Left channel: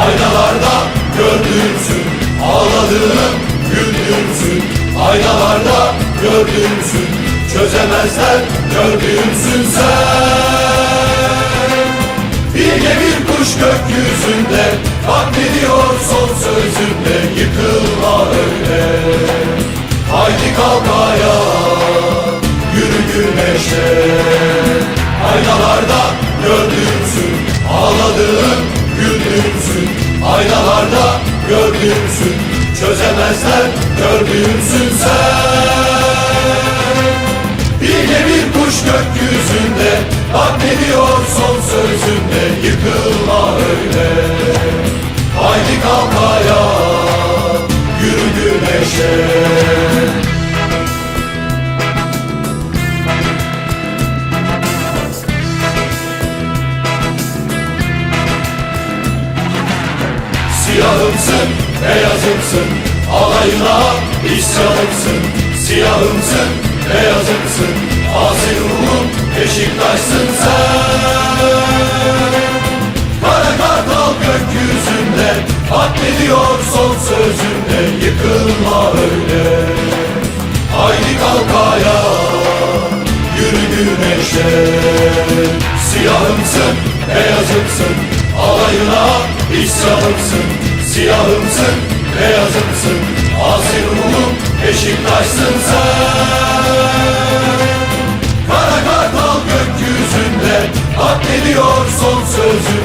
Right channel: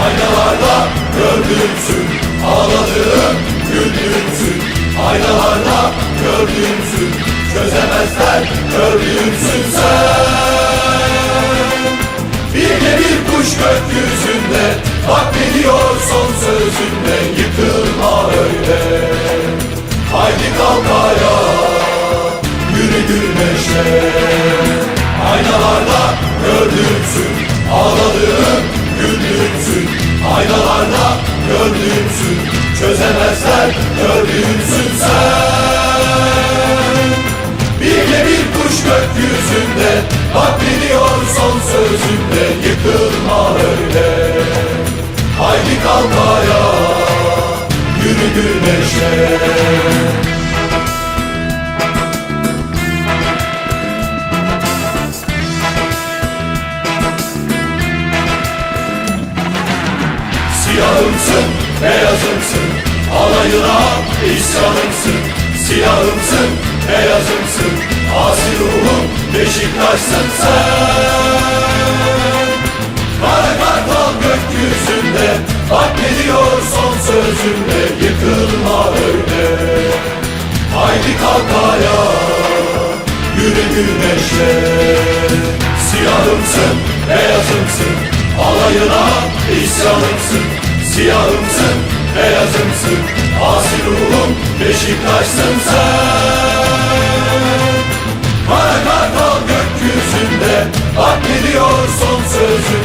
Aynalarda gördüğümsün Ağladığım güldüğümsün Aynalarda gördüğümsün. Çözemezler gördüğümsün sen. Bir de kuş gökyüzünde Bak veriyor son sözünde. Yıkılma öyle. Haydi kalk ayağa Yürü güneşe Aynalarda gördüğümsün. Ağladığım güldüğümsün Aynalarda gördüğümsün Çözemezler gördüğümsün sen. Bir bir kuş gökyüzünde Bak veriyor son sözünde Yıkılma öyle. Haydi kalk ayağa Yürü güneşe. Siyahımsın, beyazımsın Alayına isyanımsın. Siyahımsın, beyazımsın Asi ruhum Beşiktaş'sın sen. Kara kartal gökyüzünde Bak ne diyor son sözünde Yıkılma öyle. Haydi kalk ayağa Yürü güneşe. Siyahımsın, beyazımsın Alayına isyanımsın Siyahımsın, beyazımsın. Asi ruhum Beşiktaş'sın sen. Kara gökyüzünde Bak ne diyor son öyle